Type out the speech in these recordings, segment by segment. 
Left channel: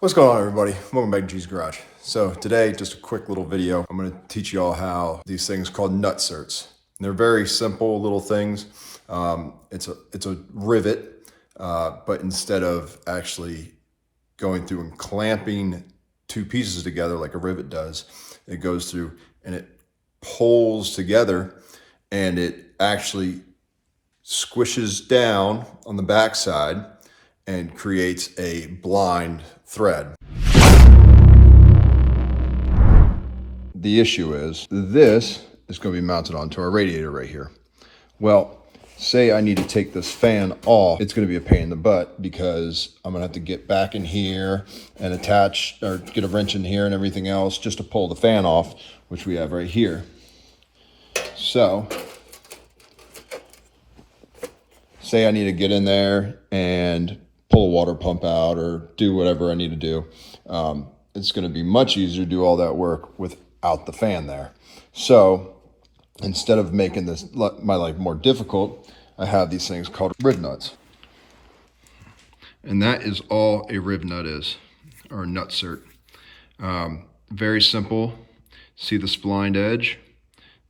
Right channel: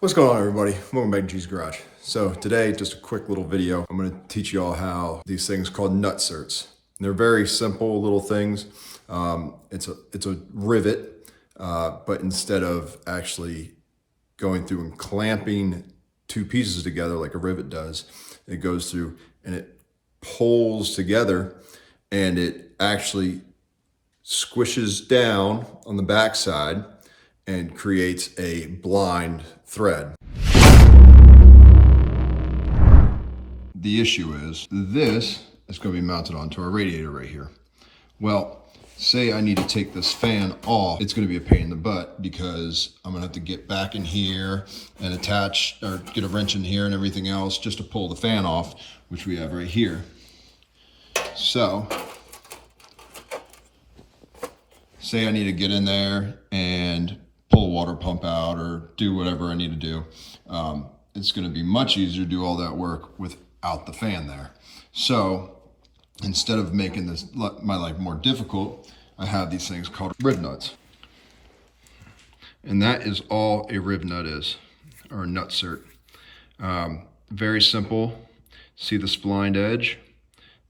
What's going on, everybody? Welcome back to GGarage. So today, just a quick little video. I'm going to teach you all how these things called Nutserts. They're very simple little things. It's a rivet, but instead of actually going through and clamping two pieces together like a rivet does, it goes through and it pulls together, and it actually squishes down on the backside and creates a blind thread. The issue is this is going to be mounted onto our radiator right here. Well, say I need to take this fan off, it's going to be a pain in the butt because I'm going to have to get back in here and attach or get a wrench in here and everything else just to pull the fan off, which we have right here. So say I need to get in there and pull a water pump out or do whatever I need to do. It's going to be much easier to do all that work without the fan there. So instead of making this my life more difficult, I have these things called rib nuts. And that is all a rib nut is, or a nutsert. Very simple. See the splined edge?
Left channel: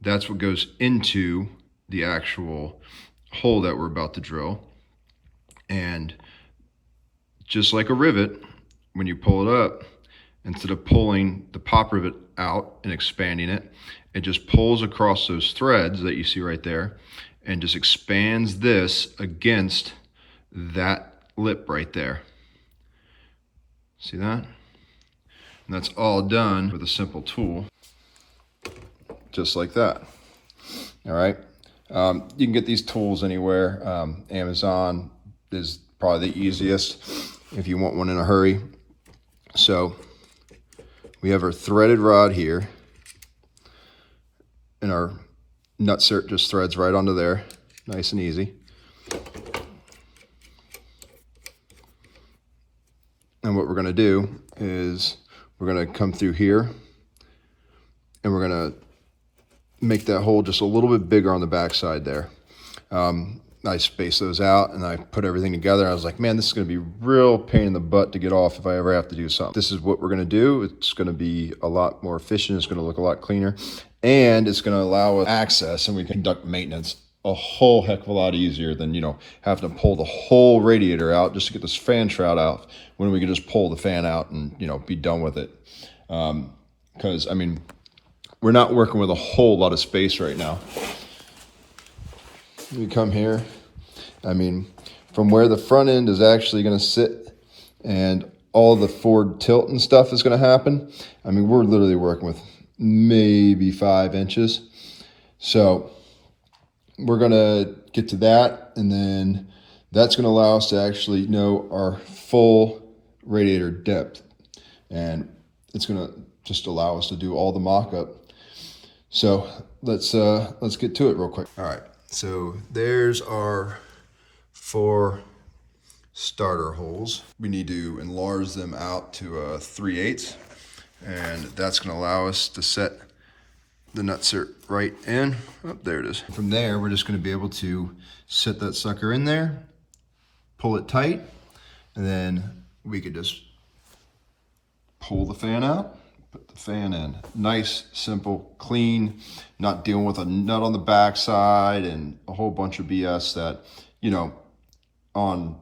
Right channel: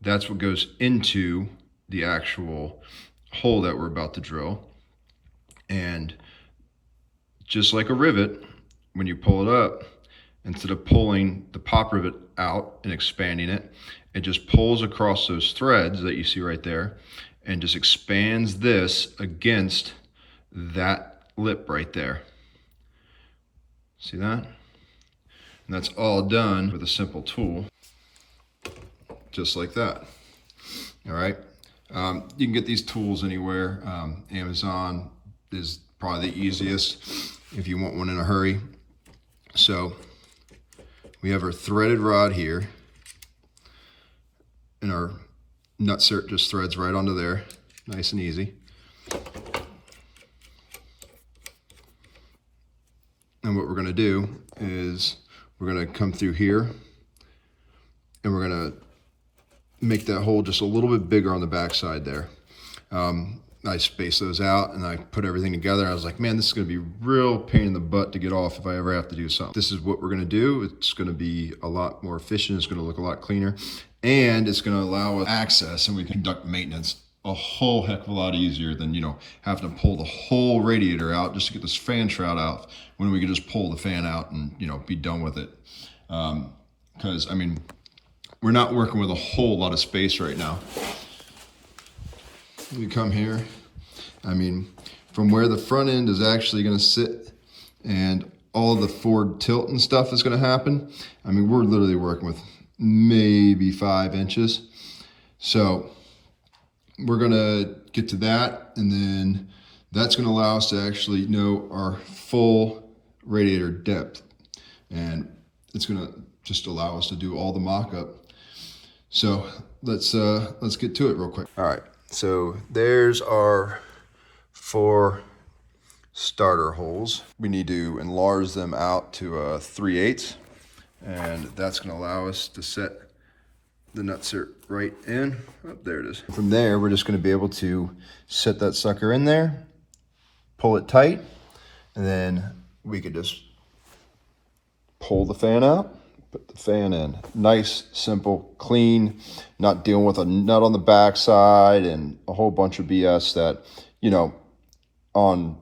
That's what goes into the actual hole that we're about to drill. And just like a rivet, when you pull it up, instead of pulling the pop rivet out and expanding it, it just pulls across those threads that you see right there and just expands this against that lip right there. See that? And that's all done with a simple tool, just like that. All right. You can get these tools anywhere. Amazon is probably the easiest if you want one in a hurry. So we have our threaded rod here, and our nutsert just threads right onto there, nice and easy. And what we're going to do is we're going to come through here and we're going to make that hole just a little bit bigger on the backside there. I spaced those out and I put everything together. I was like, man, this is going to be real pain in the butt to get off if I ever have to do something. This is what we're going to do. It's going to be a lot more efficient. It's going to look a lot cleaner, and it's going to allow us access, and we can conduct maintenance a whole heck of a lot easier than, having to pull the whole radiator out just to get this fan shroud out, when we can just pull the fan out and, be done with it. Because, we're not working with a whole lot of space right now. You come here, from where the front end is actually going to sit and all the forward tilt and stuff is going to happen. We're literally working with maybe 5 inches. So we're going to get to that, and then that's going to allow us to actually know our full radiator depth. And it's going to just allow us to do all the mock-up. So let's get to it real quick. All right, so there's our 4 starter holes. We need to enlarge them out to 3/8, and that's going to allow us to set the nutsert right in. Oh, there it is. From there, we're just going to be able to set that sucker in there, pull it tight, and then we could just pull the fan out. Put the fan in. Nice, simple, clean, not dealing with a nut on the backside and a whole bunch of BS that, on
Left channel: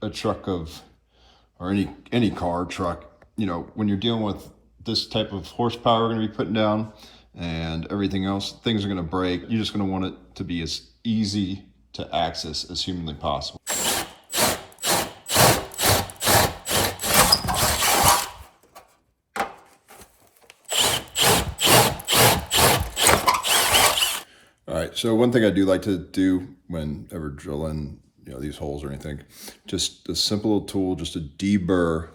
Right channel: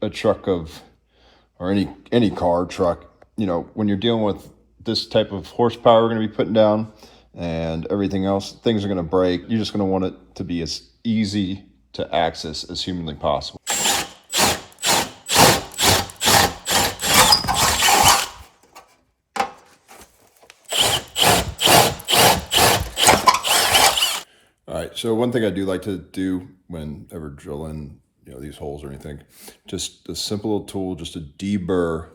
a truck or any car truck, when you're dealing with this type of horsepower we're going to be putting down and everything else, things are going to break. You're just going to want it to be as easy to access as humanly possible. All right, so one thing I do like to do whenever drilling, these holes or anything, just a simple little tool just to deburr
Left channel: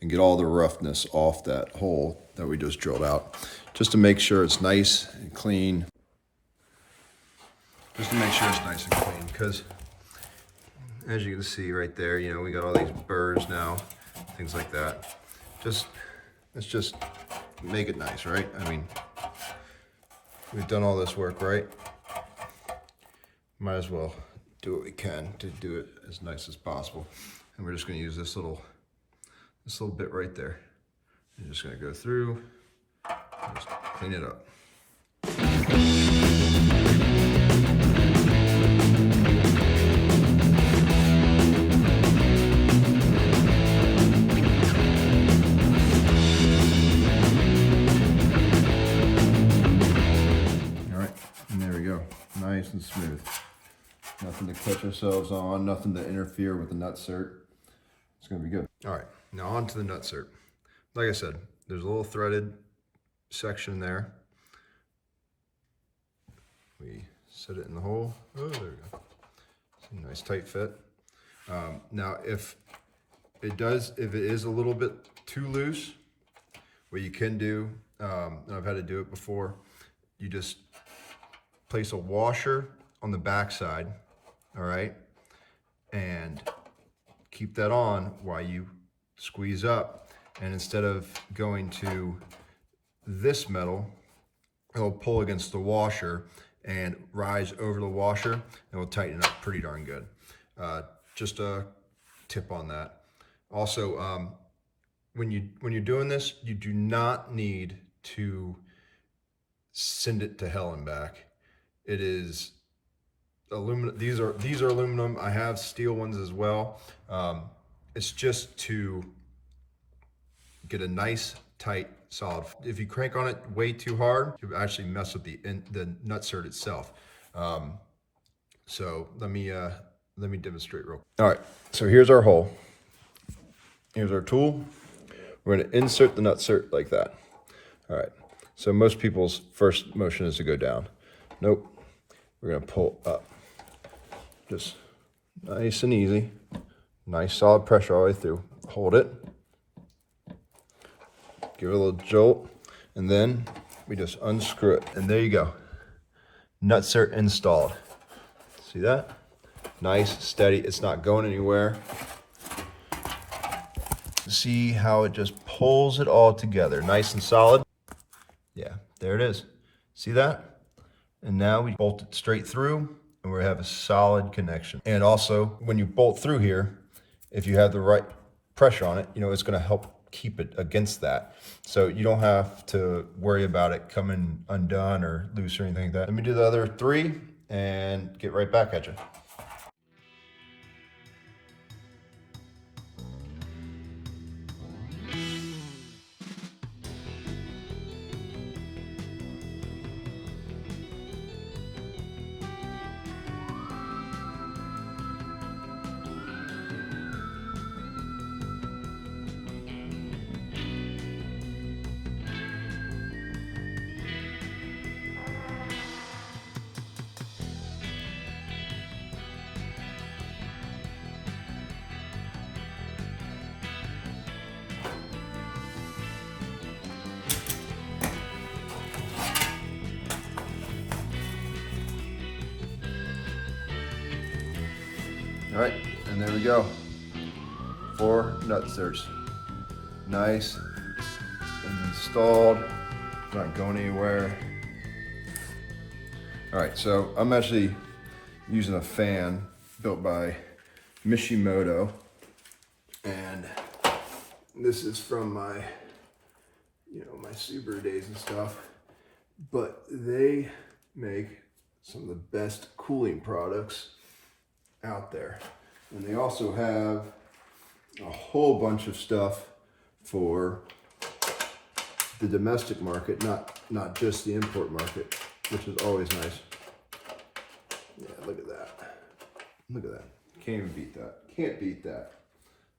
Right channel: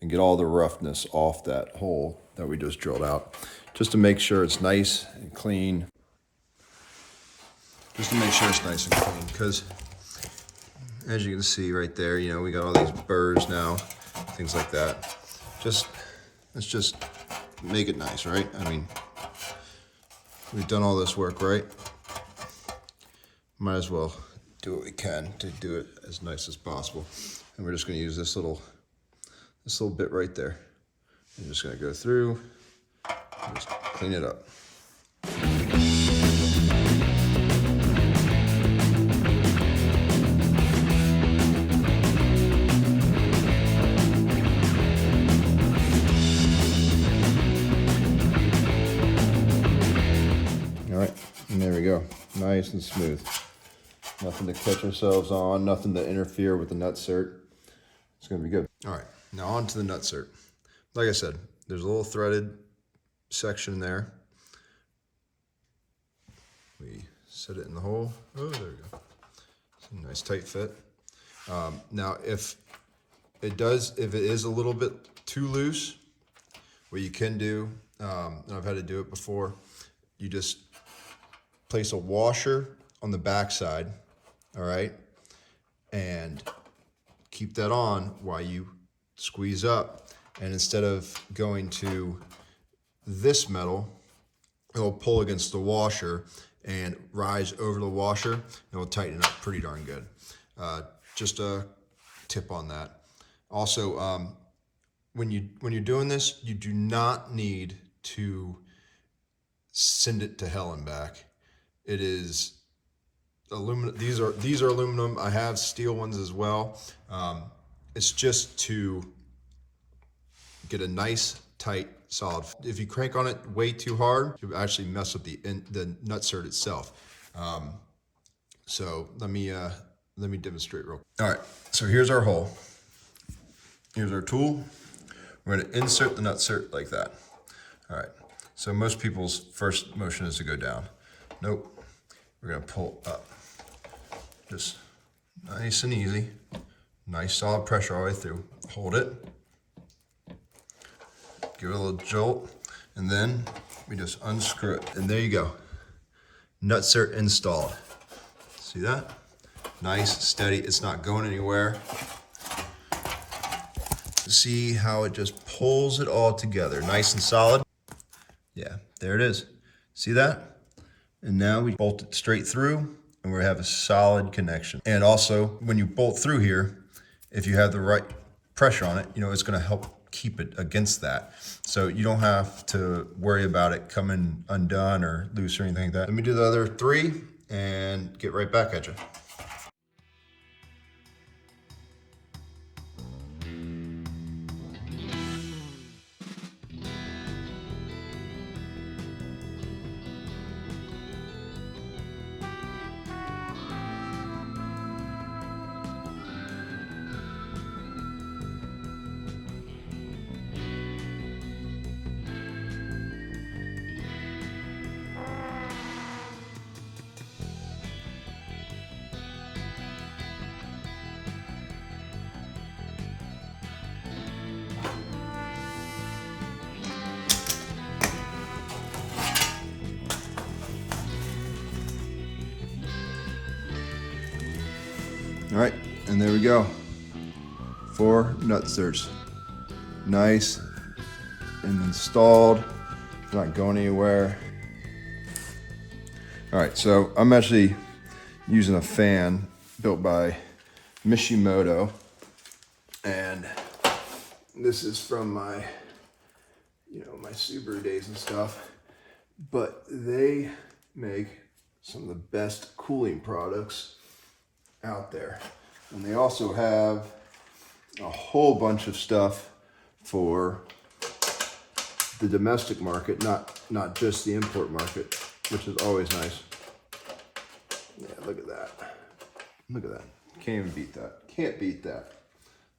and get all the roughness off that hole that we just drilled out, just to make sure it's nice and clean. Just to make sure it's nice and clean, because as you can see right there, we got all these burrs now, things like that. Let's just make it nice, right? We've done all this work, right? Might as well do what we can to do it as nice as possible. And we're just going to use this little this little bit right there. I'm just gonna go through, just clean it up. All right, and there we go, nice and smooth. Nothing to catch ourselves on, nothing to interfere with the nutsert. It's gonna be good. All right, now on to the nutsert. Like I said, there's a little threaded section there. We set it in the hole. Oh, there we go. It's a nice tight fit. Now, if it is a little bit too loose, what you can do, and I've had to do it before, you just place a washer on the back side, all right? And keep that on while you squeeze up. And instead of going to this metal, it'll pull against the washer and rise over the washer, and it'll tighten it up pretty darn good. Just a tip on that. Also, when you're doing this, you do not need to send it to hell and back. It is aluminum. These are aluminum. I have steel ones as well. It's just to get a nice, tight, solid. If you crank on it way too hard, you'll actually mess up the nutsert itself. So let me demonstrate real quick. All right, so here's our hole. Here's our tool. We're gonna insert the nutsert like that. All right, so most people's first motion is to go down. Nope, we're gonna pull up. Just nice and easy. Nice solid pressure all the way through. Hold it. Give it a little jolt, and then we just unscrew it. And there you go. Nutsert installed. See that? Nice, steady, it's not going anywhere. See how it just pulls it all together. Nice and solid. Yeah, there it is. See that? And now we bolt it straight through, and we have a solid connection. And also, when you bolt through here, if you have the right pressure on it, you know, it's gonna help keep it against that. So you don't have to worry about it coming undone or loose or anything like that. Let me do the other three and get right back at you. All right, and there we go. 4 nutserts. Nice, installed, not going anywhere. All right, so I'm actually using a fan built by Mishimoto, and this is from my, my Subaru days and stuff, but they make some of the best cooling products out there. And they also have a whole bunch of stuff for the domestic market, not just the import market, which is always nice. Yeah, look at that. Look at that. Can't even beat that. Can't beat that.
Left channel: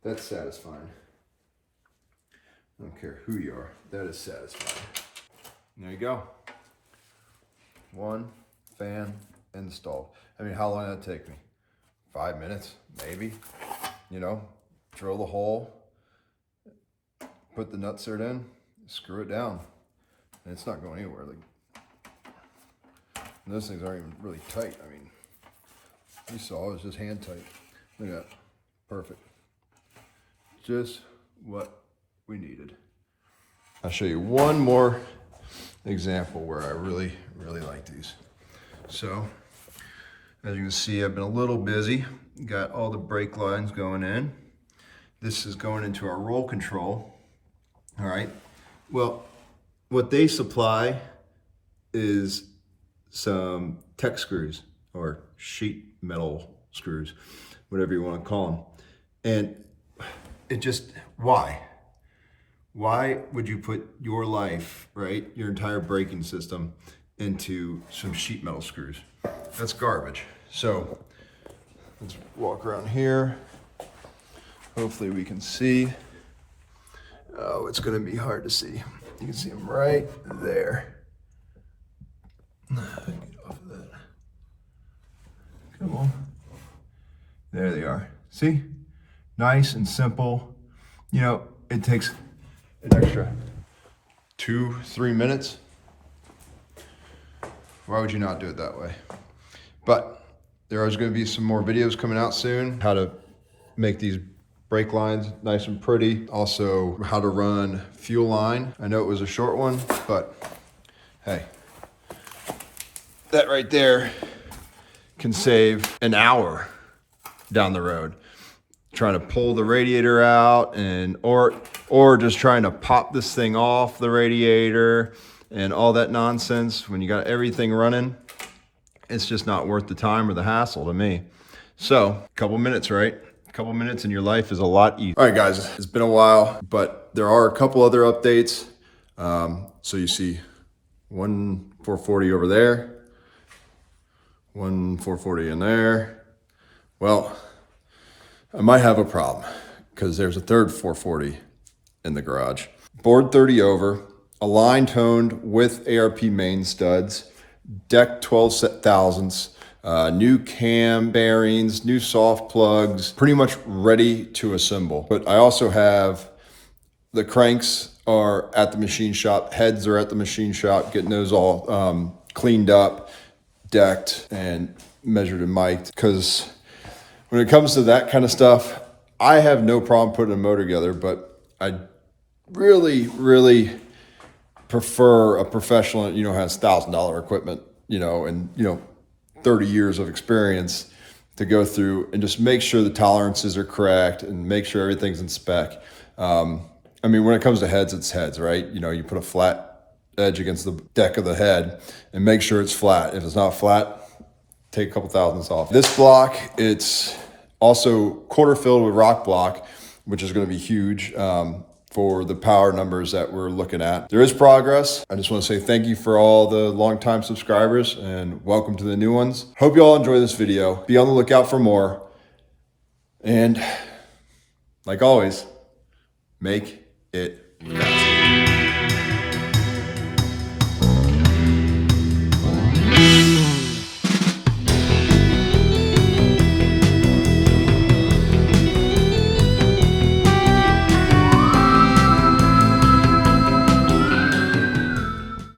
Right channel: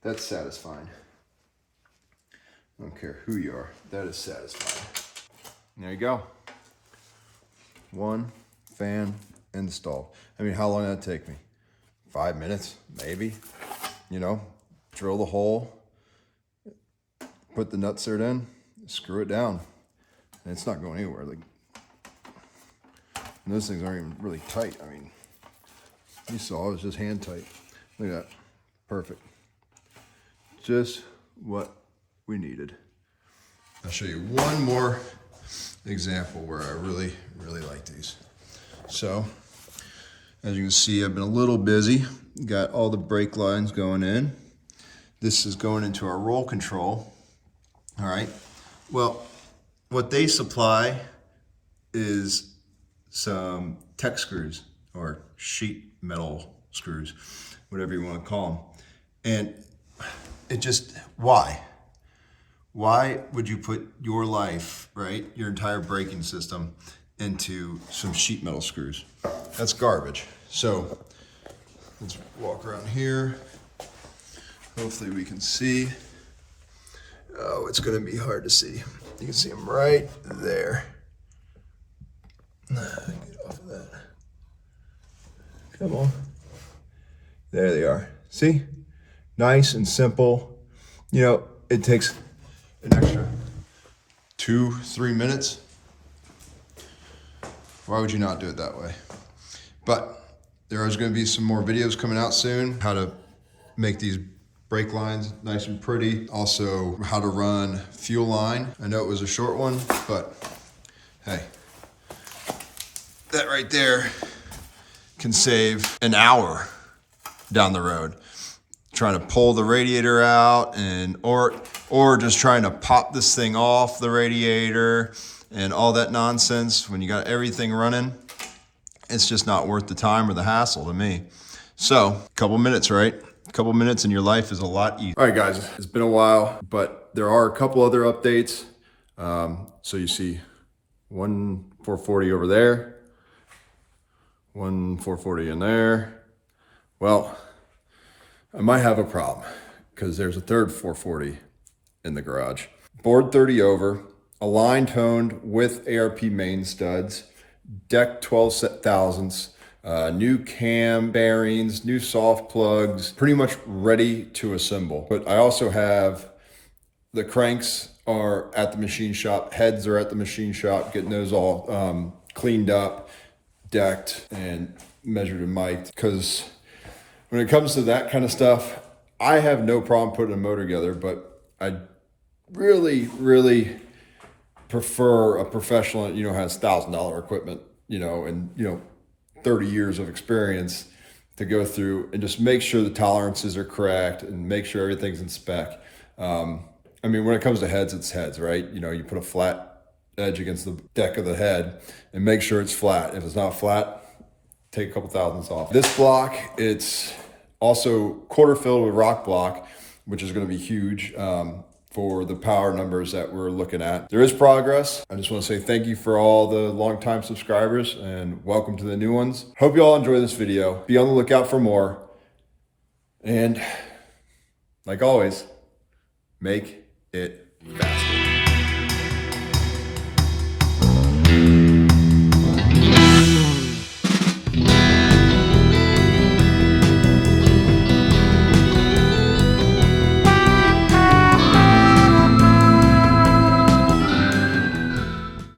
That's satisfying. I don't care who you are. That is satisfying. There you go. 1 fan installed. I mean, how long did that take me? 5 minutes, maybe. Drill the hole, put the nutsert in, screw it down, and it's not going anywhere. And those things aren't even really tight. I mean, you saw it was just hand tight. Look at that, perfect. Just what we needed. I'll show you one more example where I really, really like these. So, as you can see, I've been a little busy. Got all the brake lines going in. This is going into our roll control. All right. Well, what they supply is some tech screws or sheet metal screws, whatever you want to call them. And it just, why? Why would you put your life, right, your entire braking system into some sheet metal screws? That's garbage. So let's walk around here. Hopefully we can see. Oh, it's gonna be hard to see. You can see them right there. Get off of that. Come on. There they are. See? Nice and simple. You know, it takes an extra 2-3 minutes. Why would you not do it that way? But there is going to be some more videos coming out soon. How to make these brake lines nice and pretty. Also, how to run fuel line. I know it was a short one, but hey, that right there can save an hour down the road. Trying to pull the radiator out and or just trying to pop this thing off the radiator and all that nonsense. When you got everything running, it's just not worth the time or the hassle to me. So a couple minutes, right? A couple minutes and your life is a lot easier. All right, guys, it's been a while, but there are a couple other updates. So you see one 440 over there, one 440 in there. Well, I might have a problem because there's a third 440 in the garage. Board 30 over, align toned with ARP main studs, deck 12 thousandths, new cam bearings, new soft plugs, pretty much ready to assemble. But I also have the cranks are at the machine shop, heads are at the machine shop, getting those all cleaned up, decked, and measured and mic'd. Because when it comes to that kind of stuff, I have no problem putting a motor together, but I really, really prefer a professional that, has $1,000 equipment, and, 30 years of experience to go through and just make sure the tolerances are correct and make sure everything's in spec. When it comes to heads, it's heads, right? You put a flat edge against the deck of the head and make sure it's flat. If it's not flat, take a couple thousandths off. This block, it's also quarter filled with rock block, which is going to be huge for the power numbers that we're looking at. There is progress. I just want to say thank you for all the longtime subscribers and welcome to the new ones. Hope you all enjoy this video. Be on the lookout for more. And like always, make it fast.